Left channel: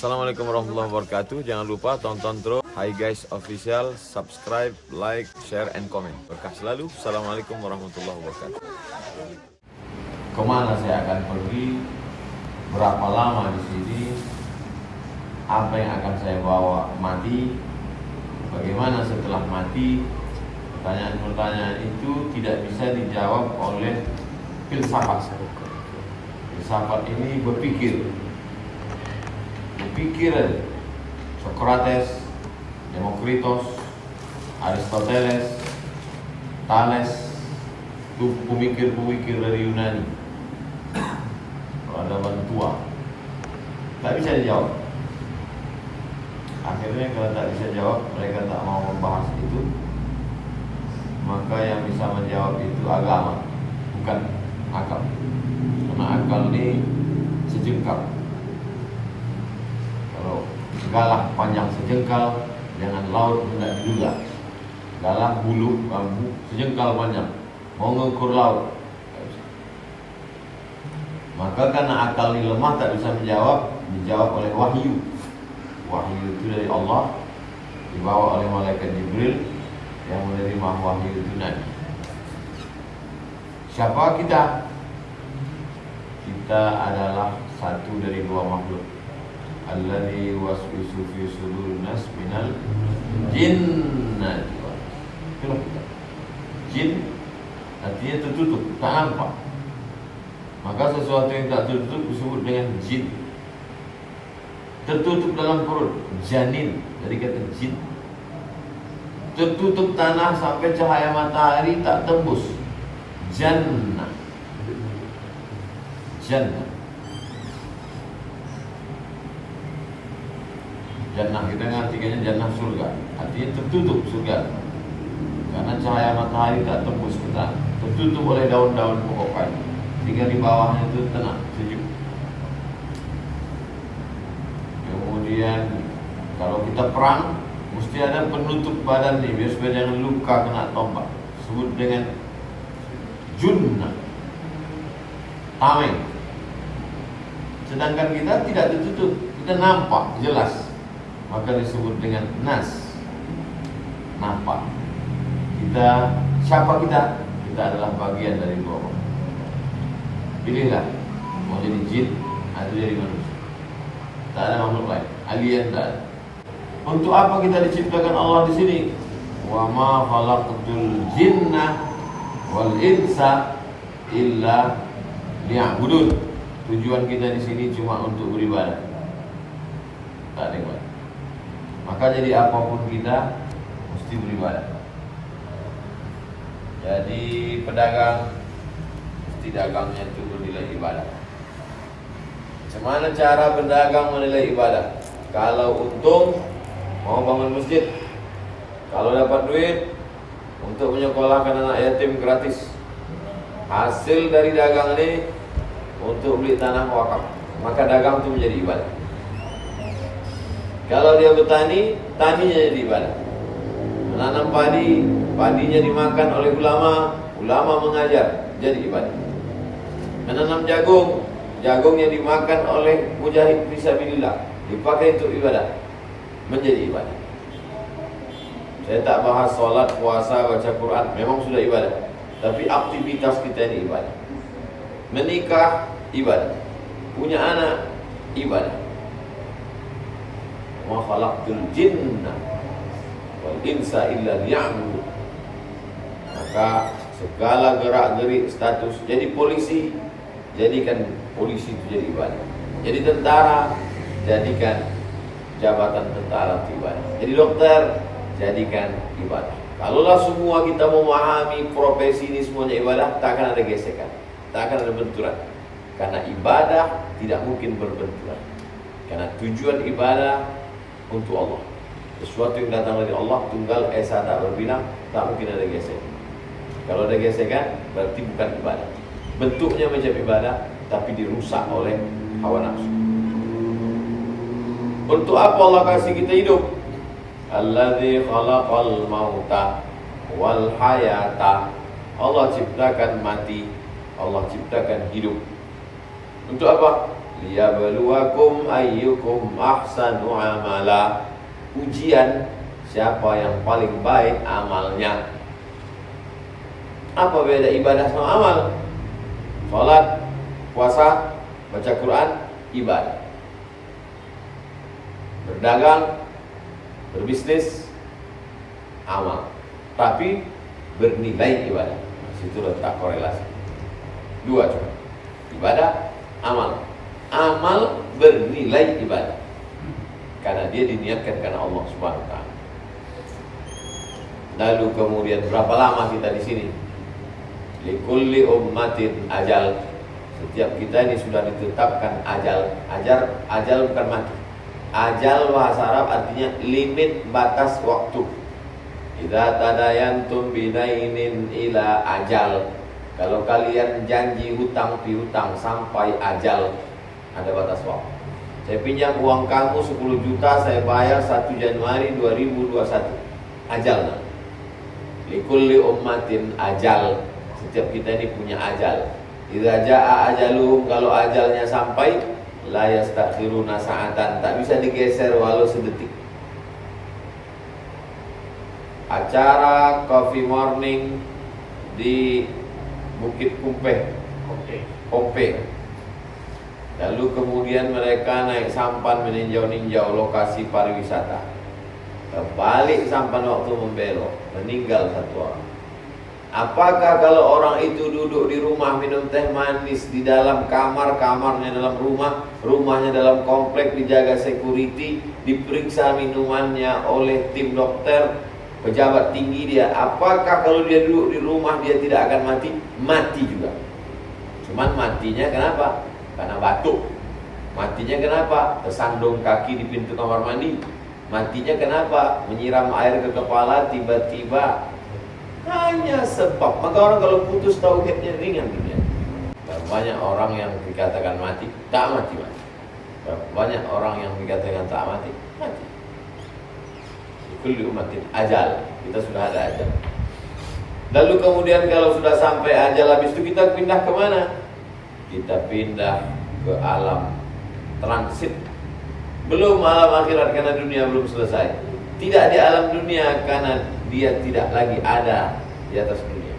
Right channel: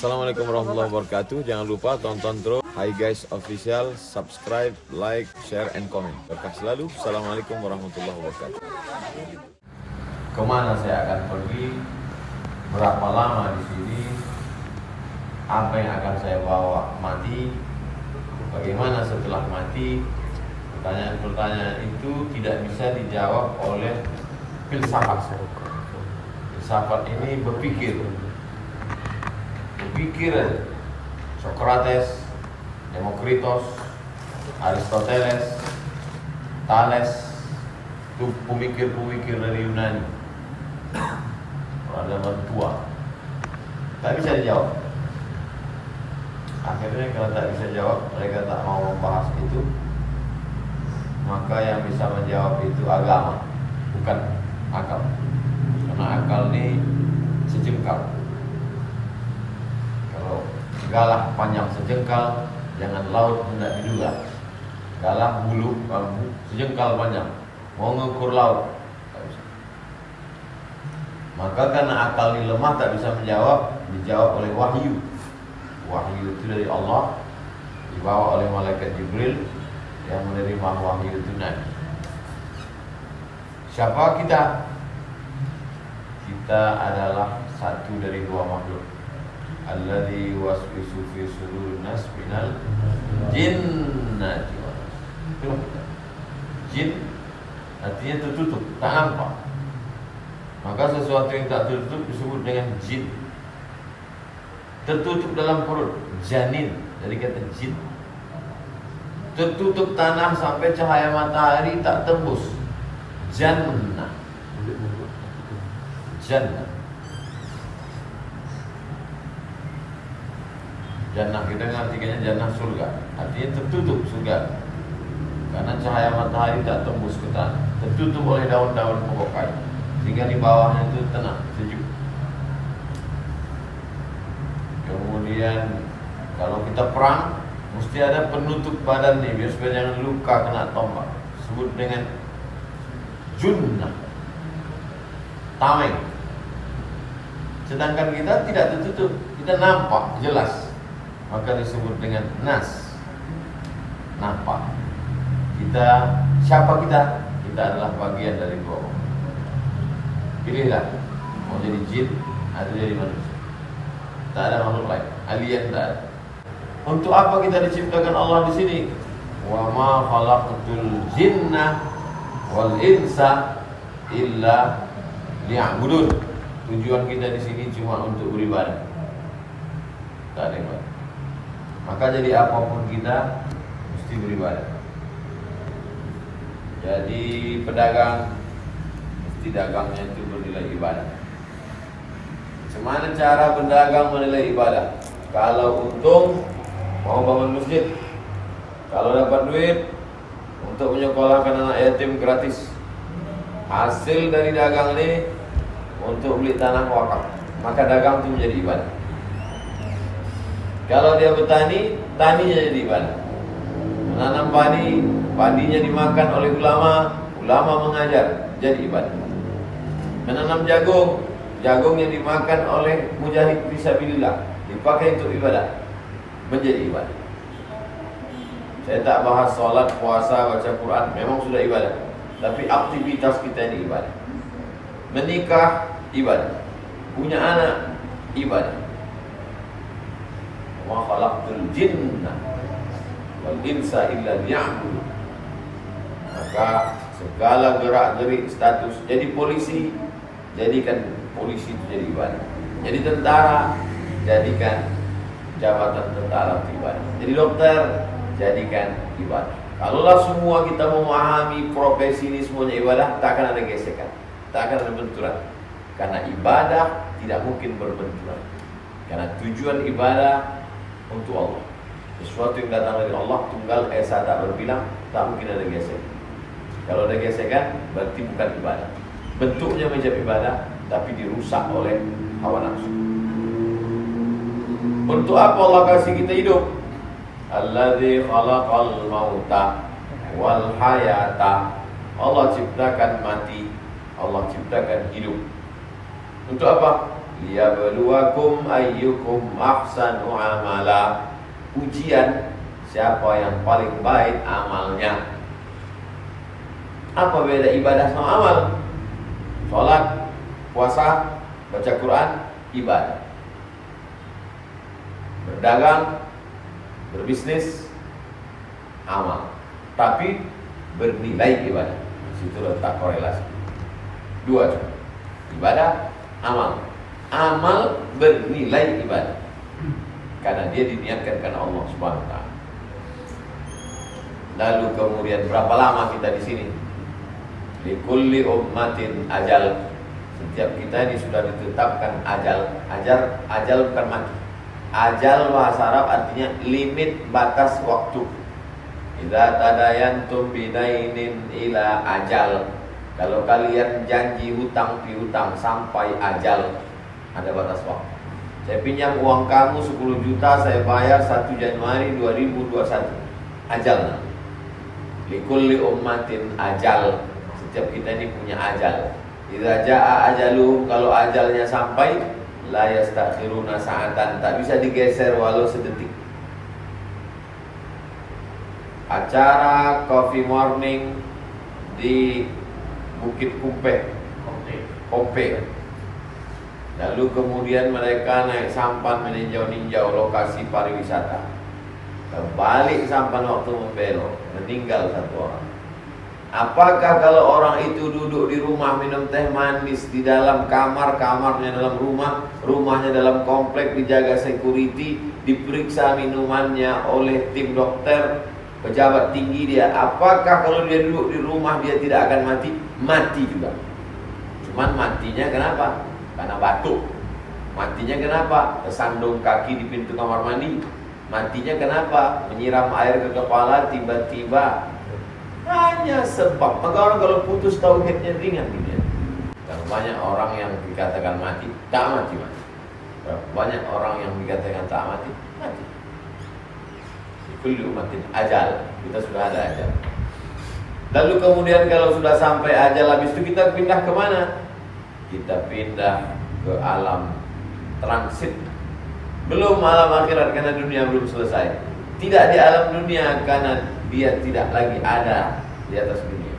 Assalamualaikum warahmatullahi wabarakatuh. Jangan lupa tonton terus Hi Guys Official, subscribe, like, share, and comment. Berkah selalu. Assalamualaikum warahmatullahi wabarakatuh. Kemana saya akan pergi? Berapa lama di sini? Apa yang akan saya bawa mati? Bagaimana setelah mati? Pertanyaan-pertanyaan itu tidak bisa dijawab oleh filsafat. Filsafat ini berpikir aja. Socrates, Demokritos, Aristoteles, Thales, itu pemikir-pemikir dari Yunani, peradaban tua. Tak bisa dijawab. Akhirnya kalau tak bisa jawab, mereka tak mau membahas itu. Maka yang bisa menjawab itu agama, bukan akal. Karena akal ini sejengkal. Kalau galah panjang sejengkal, jangan laut hendak diduga. Galah bulu bambu sejengkal panjang, mau mengukur laut. Maka karena akal ini lemah, tak bisa menjawab, dijawab oleh wahyu. Wahyu itu dari Allah, dibawa oleh malaikat Jibril yang menerima wahyu itu Nabi. Siapa kita? Kita adalah satu dari dua makhluk. Alladzi waswisu fi sudurin nas minal jinnati wal ins. Jin artinya tertutup, tak nampak. Maka sesuatu yang tak tertutup disebut dengan jin. Tertutup dalam perut, janin, dari kata jin. Tertutup tanah sampai cahaya matahari tak tembus, jannah. Jannah. Jannah kita ngartikannya jannah surga, artinya tertutup surga. Karena cahaya matahari tak tembus ke tanah, tertutup oleh daun-daun pokok kayu, sehingga di bawahnya itu tenang, sejuk. Kemudian kalau kita perang, mesti ada penutup badan nih, biar supaya jangan luka kena tombak. Disebut dengan junnah, tameng. Sedangkan kita tidak tertutup, kita nampak jelas. Maka disebut dengan nas, nampak. Kita, siapa kita? Kita adalah bagian dari dua makhluk. Pilihlah, mau jadi jin atau jadi manusia. Tak ada makhluk lain, alien tak ada. Untuk apa kita diciptakan Allah di sini? Wa ma khalaqtul jinna wal insa illa liya'budun. Tujuan kita di sini cuma untuk beribadah. Tak ada yang lain. Maka jadi apapun kita mesti beribadah. Jadi pedagang mesti dagangnya itu bernilai ibadah. Macam mana cara berdagang menilai ibadah? Kalau untung mau bangun masjid, kalau dapat duit untuk menyekolahkan anak yatim gratis, hasil dari dagang ini untuk beli tanah wakaf, maka dagang itu menjadi ibadah. Kalau dia bertani, taninya jadi ibadah. Menanam padi, padinya dimakan oleh ulama, ulama mengajar, jadi ibadah. Menanam jagung, jagungnya dimakan oleh mujahid fisabilillah, dipakai untuk ibadah, menjadi ibadah. Saya tak bahas sholat, puasa, baca Quran, memang sudah ibadah. Tapi aktivitas kita ini ibadah. Menikah, ibadah. Punya anak, ibadah. Wa khalaqtul jinna wal insa illa liya'budun. Maka segala gerak-gerik status, jadi polisi, jadikan polisi itu jadi ibadah. Jadi tentara, jadikan jabatan tentara itu ibadah. Jadi dokter, jadikan ibadah. Kalaulah semua kita memahami profesi ini semuanya ibadah, tak akan ada gesekan, tak akan ada benturan. Karena ibadah tidak mungkin berbenturan. Karena tujuan ibadah untuk Allah. Sesuatu yang datang dari Allah tunggal, esa tak berbilang, tak mungkin ada gesekan. Kalau ada gesekan, berarti bukan ibadah. Bentuknya macam ibadah, tapi dirusak oleh hawa nafsu. Untuk apa Allah kasih kita hidup? Alladzi khalaqal mauta wal hayata. Allah ciptakan mati, Allah ciptakan hidup. Untuk apa? liyabluwakum ayyukum ahsanu amala. Ujian siapa yang paling baik amalnya. Apa beda ibadah sama amal? Sholat, puasa, baca Quran, ibadah. Berdagang, berbisnis, amal. Tapi bernilai ibadah. Situ letak korelasi. Dua cuma. Ibadah, amal. Amal bernilai ibadah. Karena dia diniatkan karena Allah Subhanahu wa taala. Lalu kemudian berapa lama kita di sini? Likulli ummatin ajal. Setiap kita ini sudah ditetapkan ajal. Ajal bukan mati. Ajal bahasa Arab artinya limit batas waktu. Idza tadayantum bidainin ila ajal. Kalau kalian janji hutang piutang sampai ajal, ada batas waktu. Saya pinjam uang kamu 10 juta, saya bayar 1 Januari 2021. Ajal. Likulli ummatin ajal. Setiap kita ini punya ajal. Idza jaa ajaluhum, kalau ajalnya sampai, la yastakhiruna sa'atan, tak bisa digeser walau sedetik. Acara coffee morning di Bukit Kumpeh, Kopeng. Lalu kemudian mereka naik sampan meninjau-ninjau lokasi pariwisata. Kembali sampan waktu membelok, meninggal 1 orang. Apakah kalau orang itu duduk di rumah minum teh manis di dalam kamar, kamarnya dalam rumah, rumahnya dalam komplek, dijaga security, diperiksa minumannya oleh tim dokter, pejabat tinggi dia, apakah kalau dia duduk di rumah dia tidak akan mati? Mati juga. Cuman matinya kenapa? Karena batuk. Matinya kenapa? Tersandung kaki di pintu kamar mandi. Matinya kenapa? Menyiram air ke kepala tiba-tiba. Hanya sebab. Maka orang kalau putus tauhidnya ringan gitu ya. Dan banyak orang yang dikatakan mati, tak mati. Banyak orang yang dikatakan tak mati, mati. Kulli ummatin ajal. Kita sudah ada ajal. Lalu kemudian kalau sudah sampai ajal, habis itu kita pindah kemana? Kita pindah ke alam transit. Belum alam akhirat karena dunia belum selesai. Tidak di alam dunia karena dia tidak lagi ada di atas dunia.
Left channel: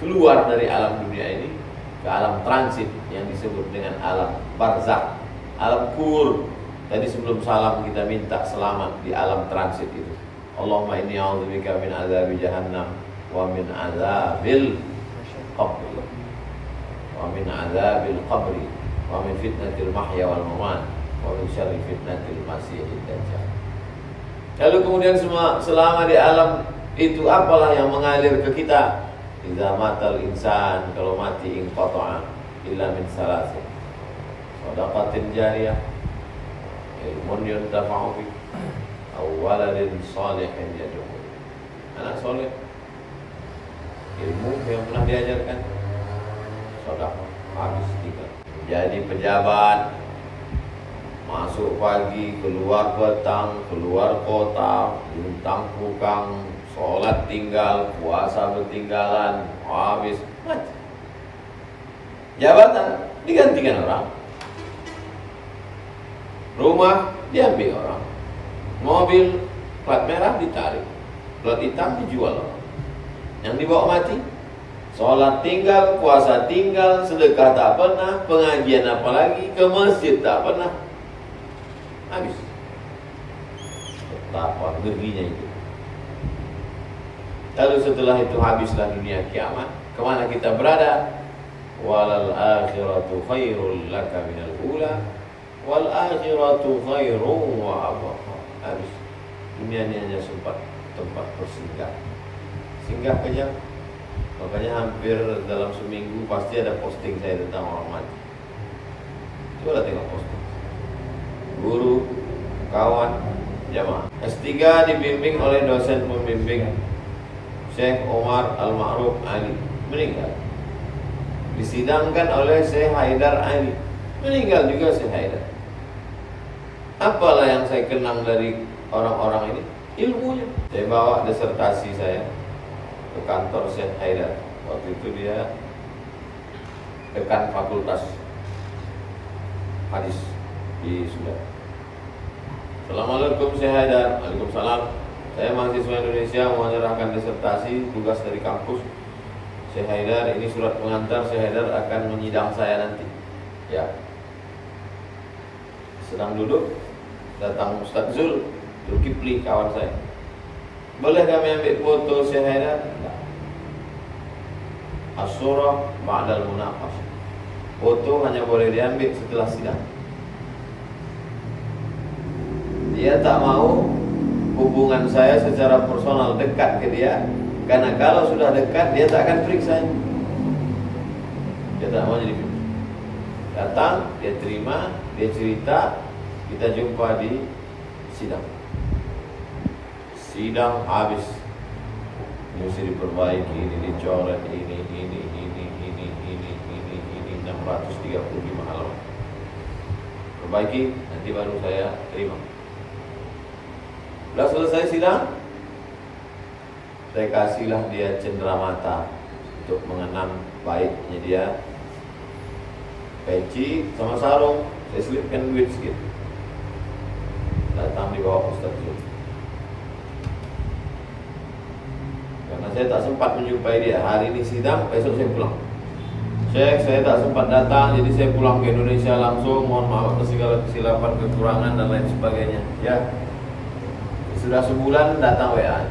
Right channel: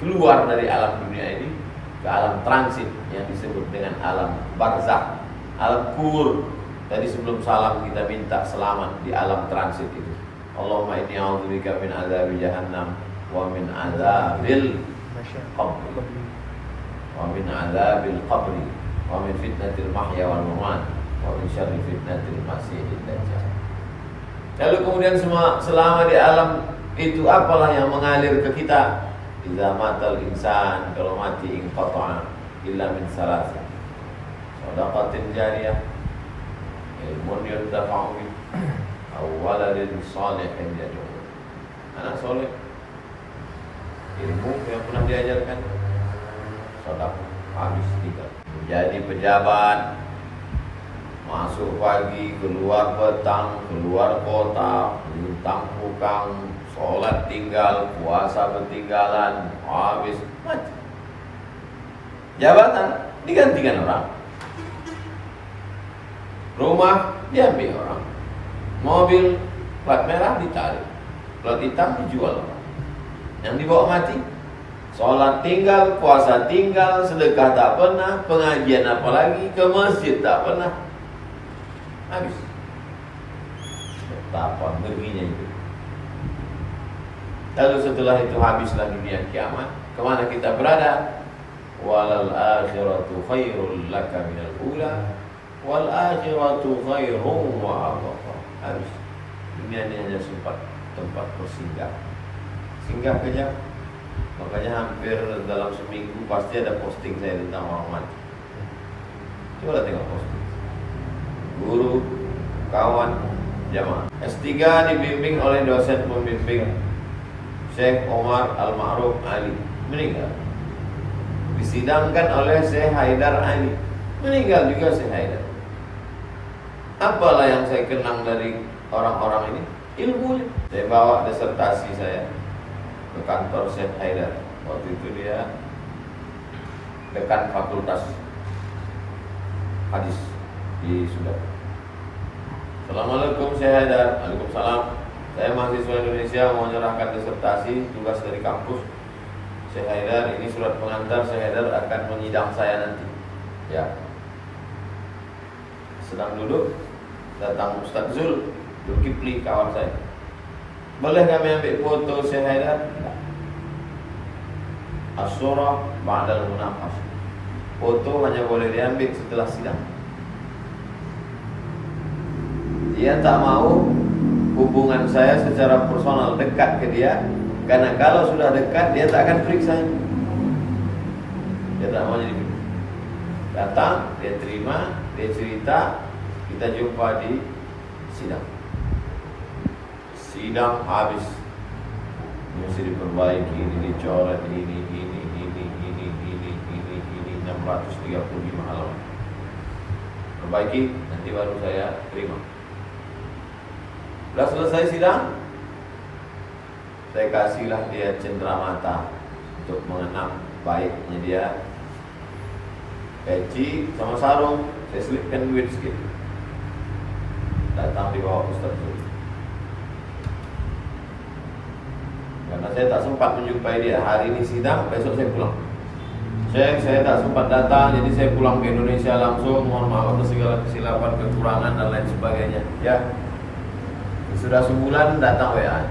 Keluar dari alam dunia ini ke alam transit yang disebut dengan alam barzakh, alam kubur. Tadi sebelum salam kita minta selamat di alam transit itu. Allahumma inni a'udzubika min azabi jahannam wa min azabil qabri wa min azabil qabri wa min fitnatil mahya wal mamat wa min syarri fitnatil masiihid dajjal. Lalu kemudian semua selama di alam itu apalah yang mengalir ke kita? Idza matal insan, kalau mati inqata'a illa min salasin. Shadaqatin jariyah, ilmun yuntafa'u bih, aw waladin shalihin yad'u. Anak soleh, ilmu yang pernah diajarkan, sedekah habis tinggal. Jadi pejabat, masuk pagi, keluar petang, keluar kota, bintang pukang, sholat tinggal, puasa bertinggalan, habis mati. Jabatan digantikan orang, rumah diambil orang, mobil plat merah ditarik, plat hitam dijual orang. Yang dibawa mati, sholat tinggal, puasa tinggal, sedekah tak pernah, pengajian apalagi, ke masjid tak pernah. Habis. Betapa ngerinya itu. Lalu setelah itu habislah dunia kiamat. Kemana kita berada? Walal akhiratu khairul laka minal ula wal akhiratu khairun wa abqa. Habis. Dunia ini hanya tempat bersinggah. Singgah kejam. Makanya hampir dalam seminggu pasti ada posting saya tentang orang mati. Coba tengok posting. Guru, kawan, jamaah. S3 dibimbing oleh dosen pembimbing Syekh Omar Al-Ma'ruf Ali, meninggal. Disidangkan oleh Syekh Haidar Ali, meninggal juga Syekh Haidar. Apalah yang saya kenang dari orang-orang ini? Ilmunya. Saya bawa disertasi saya ke kantor Syekh Haidar. Waktu itu dia dekan fakultas hadis di Sudan. Assalamualaikum, saya Haidar. Waalaikumsalam. Saya mahasiswa Indonesia mau menyerahkan disertasi tugas dari kampus. Saya Haidar, ini surat pengantar. Saya Haidar akan menyidang saya nanti. Ya. Sedang duduk, datang Ustaz Zulkifli, kawan saya. Boleh kami ambil foto Syekh Haidar? As-surah ba'dal munaqash. Foto hanya boleh diambil setelah sidang. Dia tak mau hubungan saya secara personal dekat ke dia, karena kalau sudah dekat dia tak akan periksa. Dia tak mau jadi datang, dia terima, dia cerita, kita jumpa di sidang. Sidang habis, ini mesti diperbaiki, ini dicoret, ini 635 halaman. Perbaiki, nanti baru saya terima. Sudah selesai sidang, saya kasihlah dia cenderamata untuk mengenang baiknya dia. Peci sama sarung, saya selipkan duit sedikit. Datang di bawah Ustaz Zul. Karena saya tak sempat menjumpai dia. Hari ini sidang, besok saya pulang. Saya tak sempat datang, jadi saya pulang ke Indonesia langsung. Mohon maaf atas segala kesilapan, kekurangan dan lain sebagainya. Ya, sudah sebulan datang WA.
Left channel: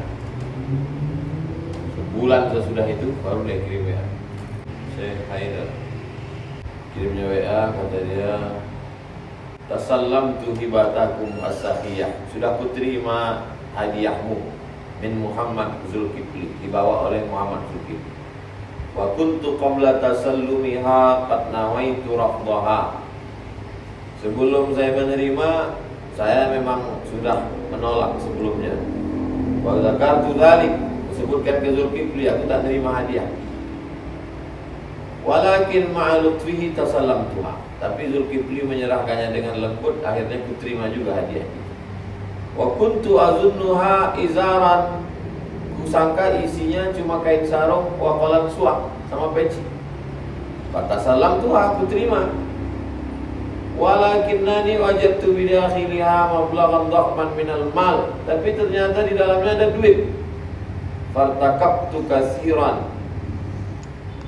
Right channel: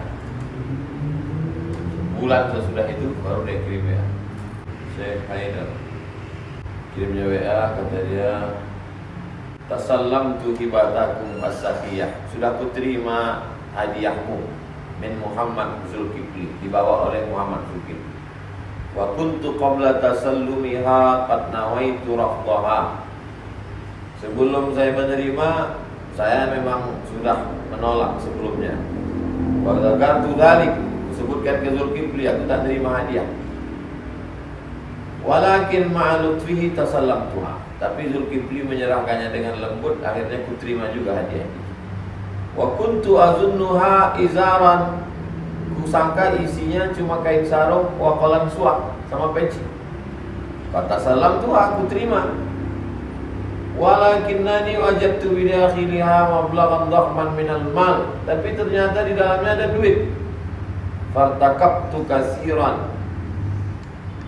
Sebulan sesudah itu baru dia kirim WA. Saya Haidar kirimnya WA, kata dia, tasallamtu hibatakum as-sakhiyah. Sudah kuterima hadiahmu min Muhammad Zulkifli, dibawa oleh Muhammad Zulkifli. Wa kuntu qabla tasallumiha qad nawaitu rafdaha. Sebelum saya menerima, saya memang sudah menolak sebelumnya. Wa dzakartu dzalik, disebutkan ke Zulkifli, aku tak terima hadiah. Walakin ma'alutfihi tasallamtuha. Tapi Zulkifli menyerahkannya dengan lembut, akhirnya ku terima juga hadiah itu. Wa kuntu azunnuha izaran. Kusangka isinya cuma kain sarung wa qalam suak sama peci. Kata salam tuh aku terima. Walakinnani wajadtu bidakhiliha mablaghan dhahman minal mal. Tapi ternyata di dalamnya ada duit. Fartakabtu kasiran.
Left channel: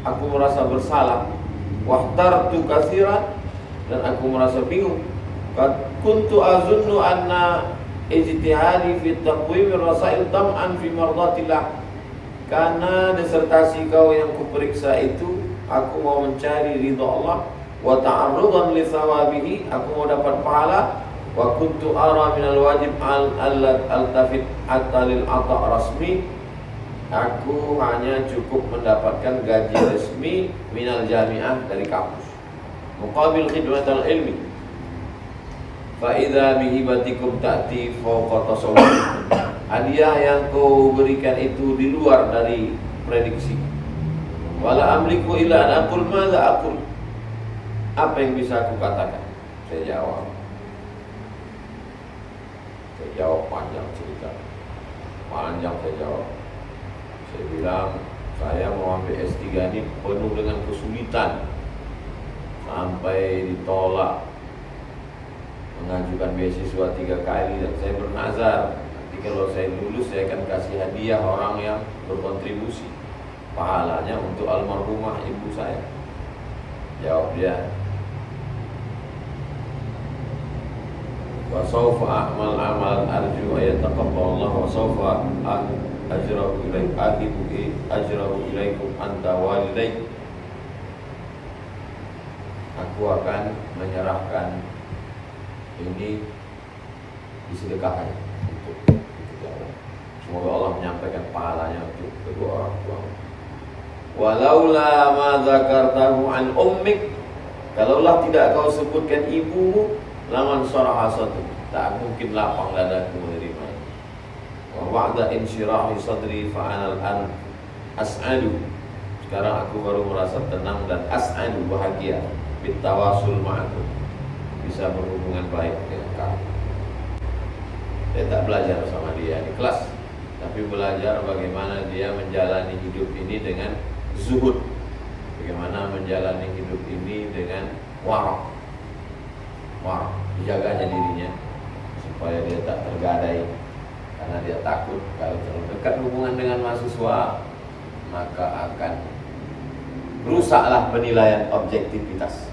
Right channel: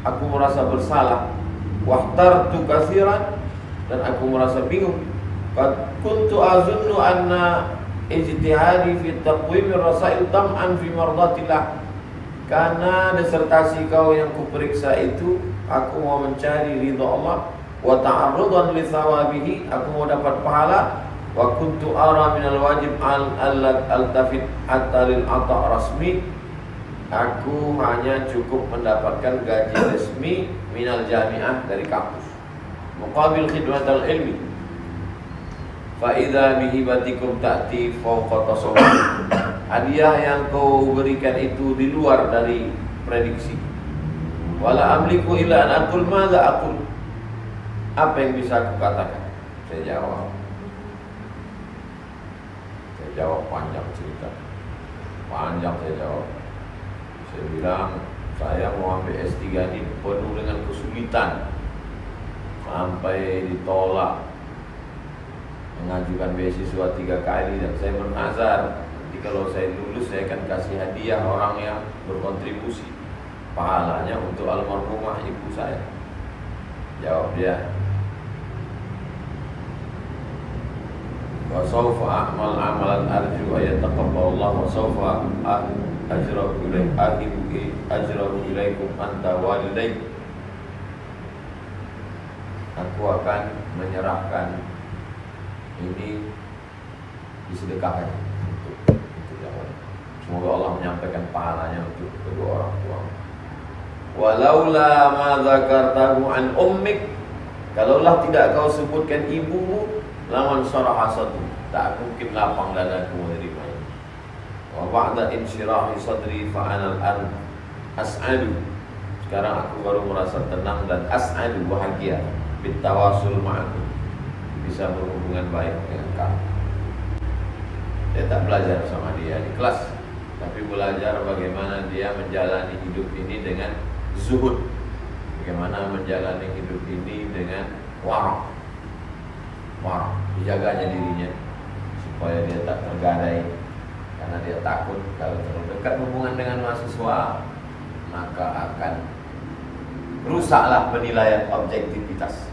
Aku merasa bersalah. Wahtartu kasiran, dan aku merasa bingung. Qad kuntu azunnu anna ijtihadi fi taqwim ar-rasail tam'an fi mardatillah. Karena disertasi kau yang kuperiksa itu, aku mau mencari ridha Allah, wa ta'arrudan li thawabihi, aku mau dapat pahala. Wa kuntu ara minal wajib al-tafit hatta lil ata' rasmi. Aku hanya cukup mendapatkan gaji resmi minal jami'ah, dari kampus, muqabil khidmatal ilmi. Fa idza bihibatikum ta'ti fawqa tasawwur. Hadiah yang kau berikan itu di luar dari prediksi. Wala amliku illa an aqul madza aqul. Apa yang bisa aku katakan? Saya jawab panjang cerita. Panjang saya jawab. Saya bilang, saya mau ambil S3 ini penuh dengan kesulitan, sampai ditolak mengajukan beasiswa 3 kali, dan saya bernazar, nanti kalau saya lulus saya akan kasih hadiah orang yang berkontribusi, pahalanya untuk almarhumah ibu saya. Jawab dia, wa sawfa a'mal amalan arju wa yataqabbalallahu wa sawfa ajrahu ilaikum anta walidaik. Aku akan menyerahkan ini, disedekahkan untuk jawab. Semoga Allah menyampaikan pahalanya untuk kedua orang tua. Walaula ma dzakartahu an ummik, kalaulah tidak kau sebutkan ibumu, laman syaraha sadri, tak mungkin lapang dadaku menerima ini. Wa ba'da insyirahi sadri fa ana al-an as'adu. Sekarang aku baru merasa tenang dan as'adu, bahagia, bitawasul ma'akum, bisa berhubungan baik dengan kamu. Saya tak belajar sama dia di kelas, tapi belajar bagaimana dia menjalani hidup ini dengan zuhud, bagaimana menjalani hidup ini dengan waraq. marah, dijaganya dirinya supaya dia tak tergadai, karena dia takut kalau terlalu dekat hubungan dengan mahasiswa maka akan rusaklah penilaian objektivitas.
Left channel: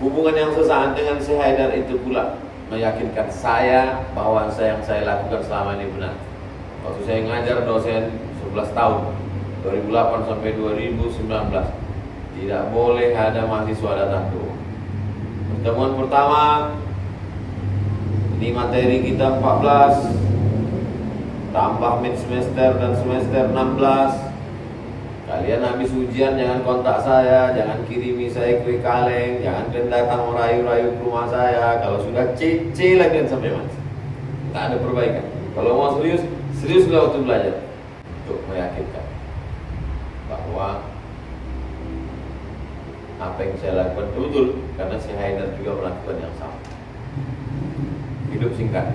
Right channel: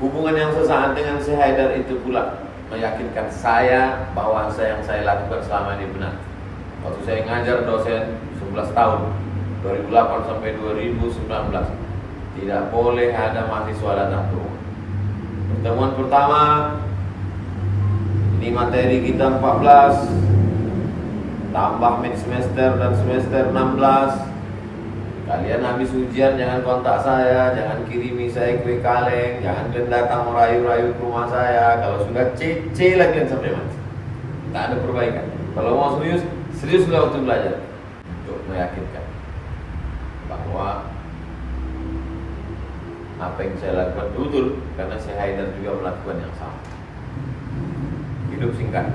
Hubungan yang sesaat dengan Syekh Haidar itu pula meyakinkan saya bahwa yang saya lakukan selama ini benar. Waktu saya ngajar dosen 11 tahun 2008 sampai 2019, tidak boleh ada mahasiswa datang ke rumah. Pertemuan pertama, ini materi kita 14, tambah mid semester dan semester 16. Kalian habis ujian jangan kontak saya, jangan kirimi saya kue kaleng, jangan kalian datang merayu-rayu ke rumah saya. Kalau sudah C lagi sampai mati, tak ada perbaikan. Kalau mau seriuslah waktu belajar, untuk meyakinkan bahwa apa yang saya lakukan betul, karena Syekh Haidar juga melakukan yang sama. Hidup singkat,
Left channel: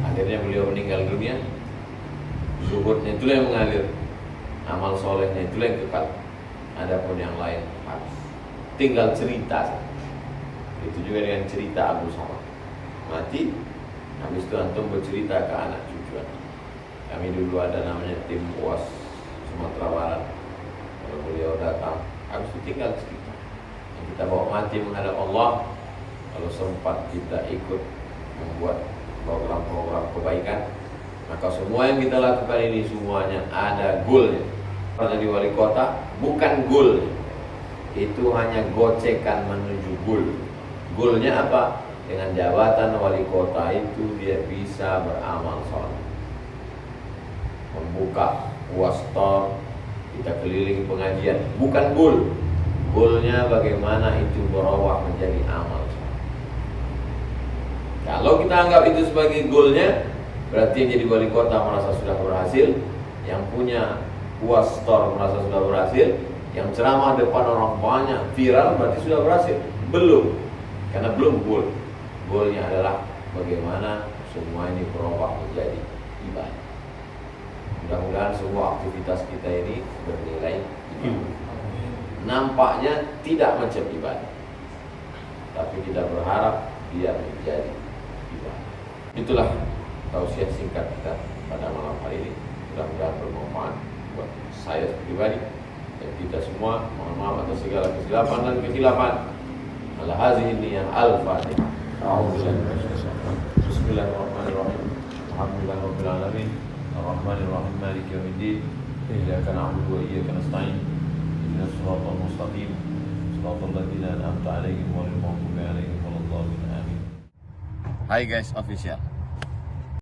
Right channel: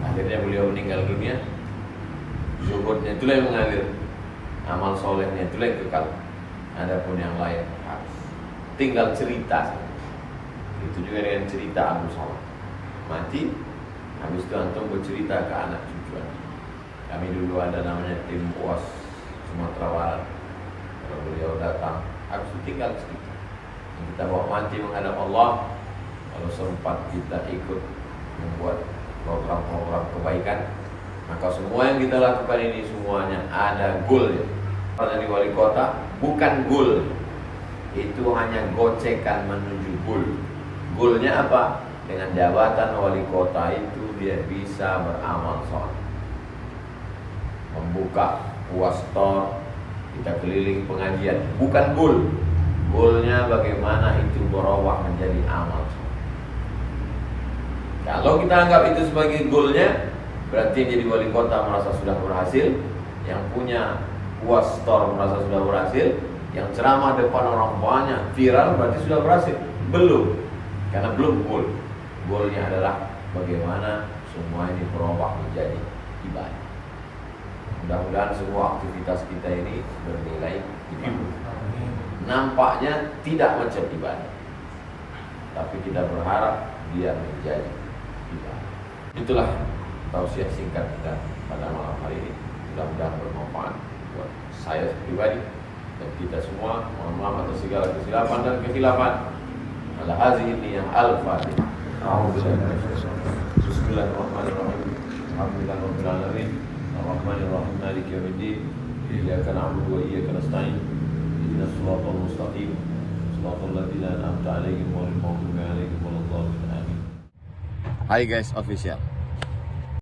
akhirnya beliau meninggal dunia. Zuhudnya itulah yang mengalir, amal solehnya itulah yang kekal. Adapun yang lain habis, tinggal cerita saja. Itu juga dengan cerita Abu Salah mati, habis itu antum bercerita ke anak cucu. Kami dulu ada namanya tim UAS Sumatera Barat. Kalau beliau datang, habis itu tinggal cerita. Kita bawa mati menghadap Allah. Kalau sempat kita ikut membuat program-program kebaikan, maka semua yang kita lakukan ini semuanya ada goalnya. Jadi wali kota bukan goal, itu hanya gocekan menuju goal. Goalnya apa? Dengan jabatan wali kota itu dia bisa beramal soleh, membuka UAS store, kita keliling pengajian, bukan goal. Goalnya bagaimana itu berubah menjadi amal soleh. Kalau kita anggap itu sebagai goalnya, berarti yang jadi wali kota merasa sudah berhasil, yang punya UAS store merasa sudah berhasil, yang ceramah depan orang banyak viral berarti sudah berhasil. Belum, karena belum goal. Goalnya adalah bagaimana semua ini berubah menjadi ibadah. Mudah-mudahan semua aktivitas kita ini bernilai ibadah. Nampaknya tidak macam ibadah, tapi kita berharap biar menjadi ibadah. Itulah tausiah singkat kita pada malam hari ini. Mudah-mudahan bermanfaat buat saya pribadi dan kita semua. Mohon maaf atas segala kesilapan dan kehilafan. Ala hazihi niyah al-fatihah. Bismillahirrahmanirrahim. Alhamdulillahirabbil alamin. Arrahmanirrahim. Maliki yaumiddin. Iyyaka na'budu wa iyyaka nasta'in. Ihdinas siratal mustaqim. Shiratal ladzina an'amta 'alaihim ghairil maghdubi 'alaihim waladdallin. Amin. Hai guys official.